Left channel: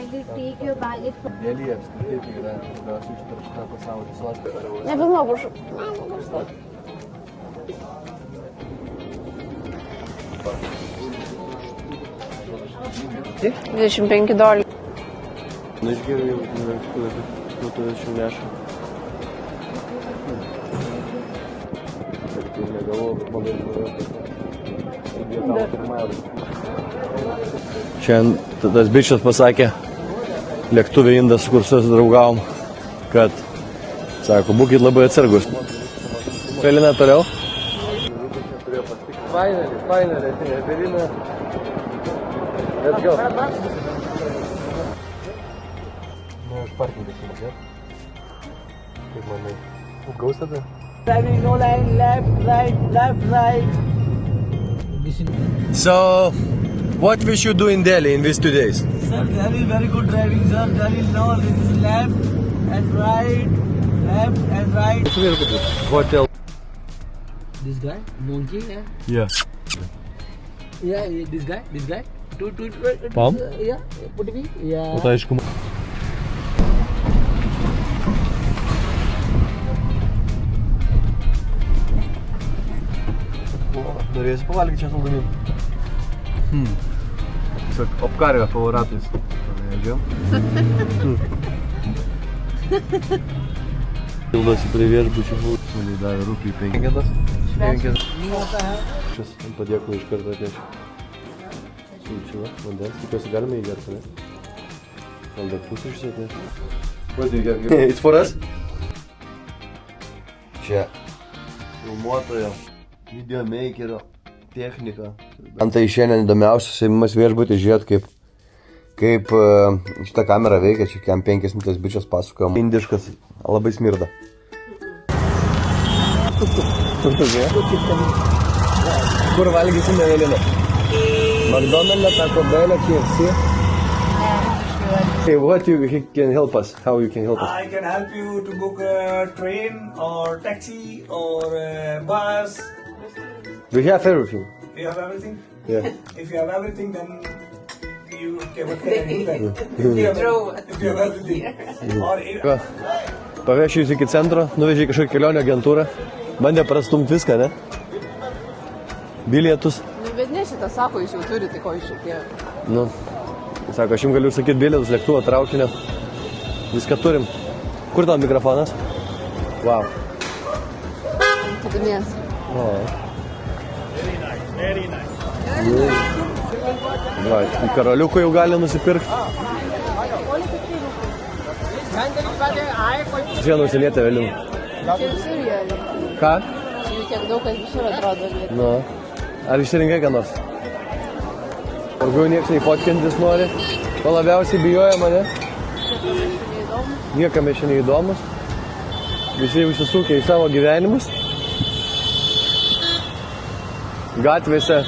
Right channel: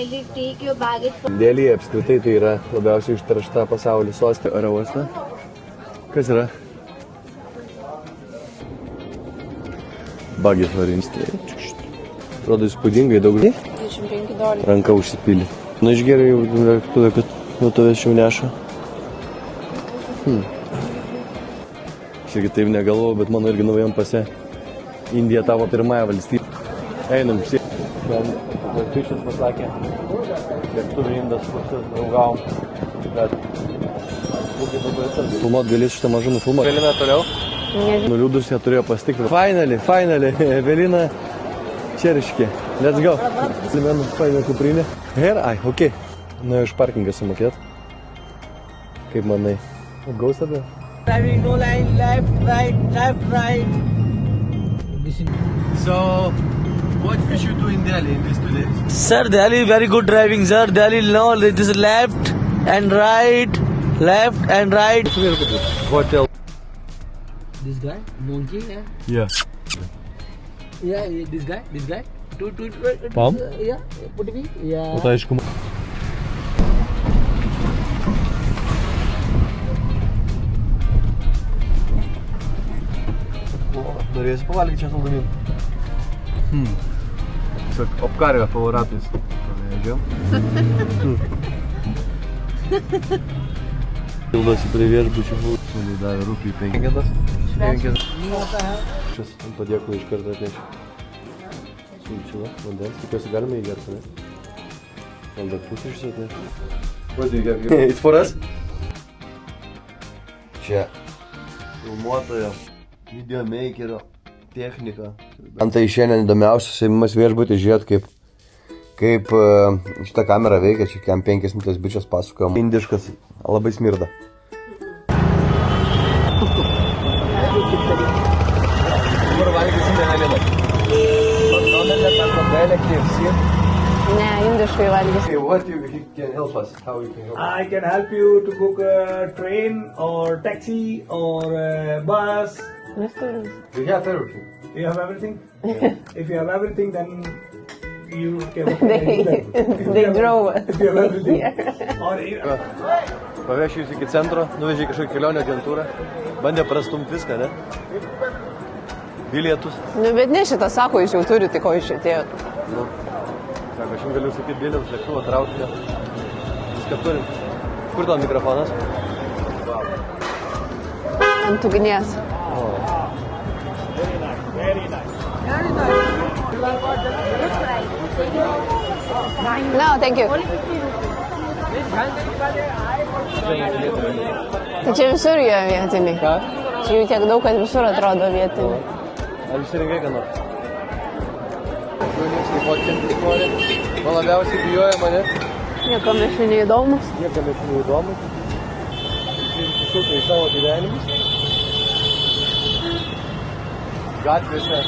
kindly take your baggage. Delhi apskritai tai yra labiausiai išteršta pasaulio sostinė oro uoste. Kas yra? Bagės varinstė. Atrodo įspūdingai daug. $25. Ranka užsipylė. Na išgerai jau lėktuvė, kad nuo tavęs jau neša. Kiek taip negalvoju, bet mano irgi naujam pase. Indija tavo pirmąją valstybę. Einam. Šiandien tas bičias pasakė, lėktuvė Indas, kur susidraugavom, kad, sako, būkit labai atsargus. Filmuot galės šitą mažumą filmuot. Evelina toliau? Nuliūdus ją turėjo pasitikrinti. Finally, Evelina Čeriškė. Let's go. Zimenu, paėmė kuprinę. Here, okay. Na, iš parkingą sumokėt. Kaip manai? Gaus tada? Driving no line, left, right. So, what we should do in Delhi in these 2 days? Sir, Delhi very good driving, sir. Delhi, no, it is left and right. Hotel. This guy, monkey, Yeah. yeah, this guy. Palm? Yeah, put me, yeah. O tai aišku. Norėsi pavalgyti čia saldumynų? Tiesiog apkarvę favoritais. Paleidžiam. Pildosi prie viešbučių. Sūnai davė rūpį 5. 5. Šis ant padėkų iš karto atnešiu. Sulčila, vandens. Tikiuosi galime įgerti, ne? Gal dar pusryčius atnešiu. What do you have here? It's for us? Čia filmuotojo, videomakerio technika. Antai šiandien įdomiausias įmimas viešbutį žiūrėt, kaip šitą kamerą veikia. Čia kiam 5 minutės bičias pasakojom. Indiškas, labai smirda. Kur valgysim Evelina? McDonald's, Taco Bell, KFC? Ne, indiškai valgysim. Okay, what you can help us? How you can help us? I can help you to book a train or taxi or bus. We have everything. You have everything? Yeah. If you have everything, then you can They drove us. If you have everything. Or Pavešiu jūs iki centro, nuvežiu į kažkokią kelionę agentūrą. Bandė prastumti viską, ne? Bilietus. Nu, bet ne šitą sako, jūs jau turite, ko iš atėjo. Nu. Sako, aš jums galiu sakyti bilietus, lėktuvą, traukinio. Viską turim. Kur tavo mikrofonas? Wow. Ant ugnies. Karaliukų jau gali nusipirkti. No, thank you. Vienu užsilietę Evelina. Tai čia visur yra vietiniai. Ką? Čia jų tiek daug, kad visur atrodo vietiniai. Ar išsirinkai ką nors? Važiuoju nieks nei fotkintis nori. Man labiausiai bijoja mane. Niekam aš neįdomus. Niekam aš neįdomus. Visi užsisukę į savo gyvenimus. Gatvėse.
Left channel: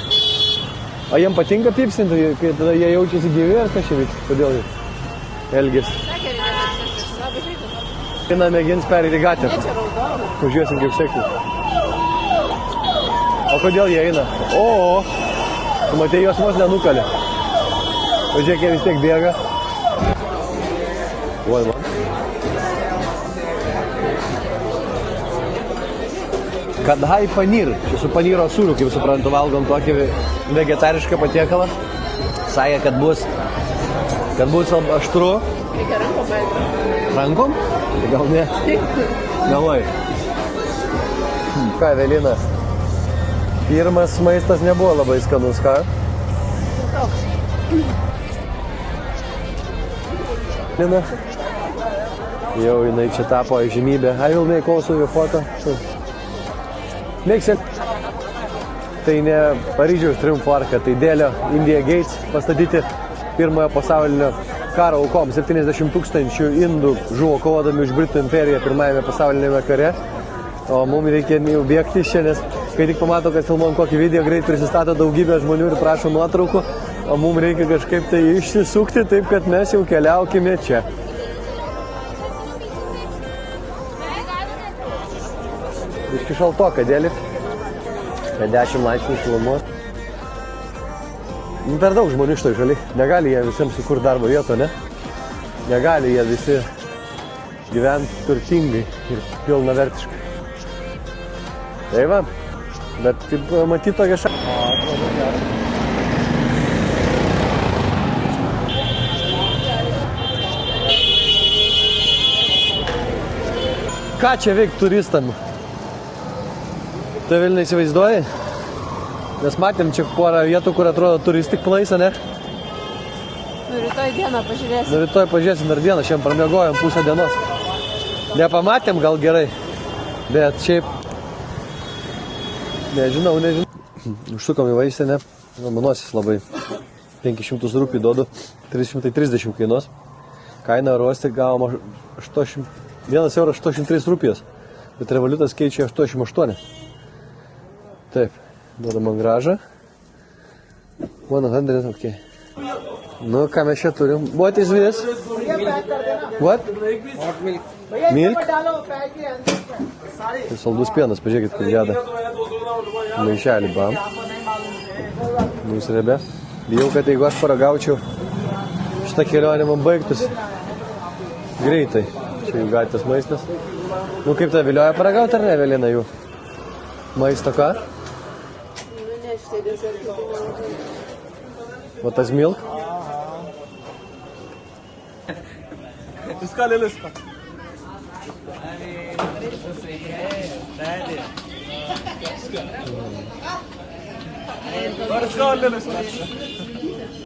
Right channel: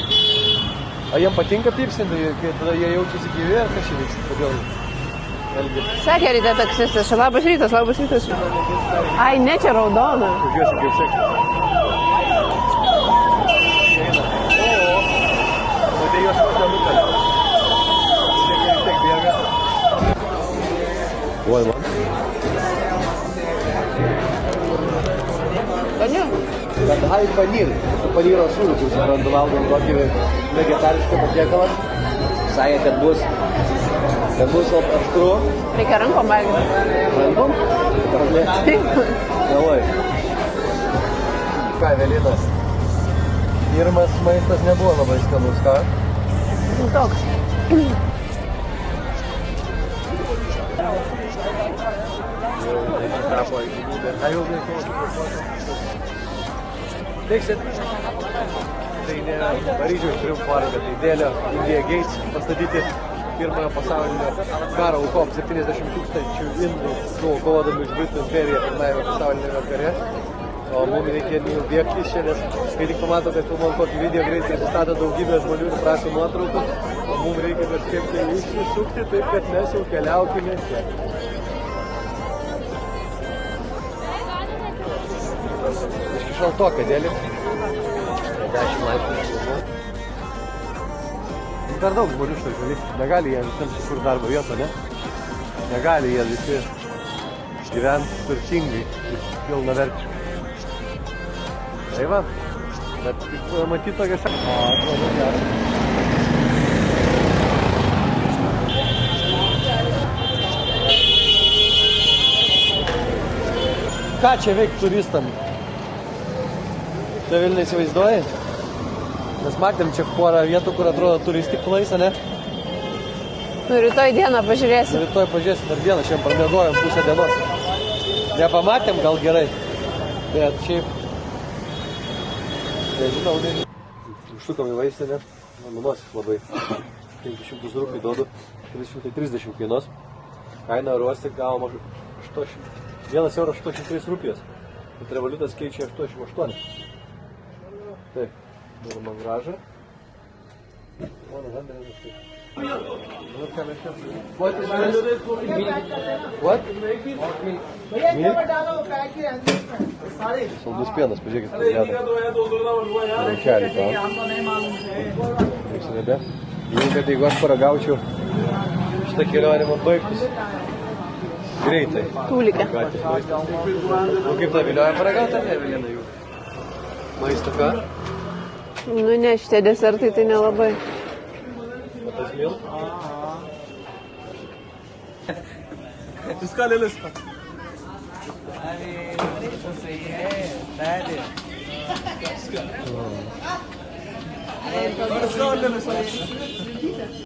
O jiem patinka pipsinti, kai tada jie jaučiasi gyvi, ar kas čia vyks? Kodėl elgėsi? Sakė ryte taksistas, labas rytas. Kina mėgins perėti Ai, gatvę. ne, čia raudona. Pažiūrėsim, kaip sekti. O kodėl jie eina? Tu matei, jos vos nenukalė. Pažiūrėk, jie vis tiek bėga. Oi, man. Kadhai panyr. Su panyro sūriu, kaip suprantu, valgom tokį vegetarišką patiekalą. Sakė, kad bus aštru. Reikia rankom valgyti. Rankom? Gal ne? Davai. Ką, Evelina? Pirmas maistas nebuvo labai skanus, ką? Toks. Jau jinai čia tapo žymybė. I will make also your photo. Mėgsit? Tai ne Paryžiaus triumfo arka, tai Delio India Gates pastatyti pirmojo pasaulinio karo aukom. 70 000 indų žuvo kovodami už Britų imperiją pirmajame pasaulinėme kare. O mums reikia bėgti iš čia, nes kai tik pamato, kad filmuojam kokį video, greit prisistato daugybę žmonių ir prašo nuotraukų, o mums reikia kažkaip tai išsisukti, taip kad mes jau keliaukime čia. Iški šaltoka, Delį. 10 laipsnių šilumos. Per daug žmonių šitoj šaly. Negali jie visiems sukurti darbo vietą, ne? Negali jie visi gyventi turtingai ir pilnavertiškai. Tai va, bet kaip matyti tokia šalia. O, atrodo gerai. Ką čia veikti turistam? Tai vėl neįsivaizduoji? Mes matėm čia porą vietų, kur atrodo turistik place, ne? Nu, rytoj dieną pažiūrėsim. Rytoj pažiūrėsim dar dieną, šiandien pramiegojom pusę dienos. Nepamatėm gal gerai, bet šiaip... Nežinau. Užsukom į vaistinę, manosis labai. 500 rūpių duodu, 330 kainuos. Kaina ruosti gavom 1 eurą 83 rūpijos, bet revoliutas keičia 88. Taip, duodam man gražą. 100, okay. Nu, ką mes čia turim? What is this? What? Milk? Tai saldus pienas, pažiūrėkit, kaip deda. Maišelį, bam. Jūs rebe. Bijau, kad jeigu aš paragaučiau, šitą kelionę man baigtųsi. Greitai. Gatvės maistas. Nu, kaip tai vilioja paragauti ar ne, Evelina, jų? Maisto ką? Nu, ne, šitie desertai tai nelabai. O tas milk? इसका ले लो इसका और इसका और ले लो इसका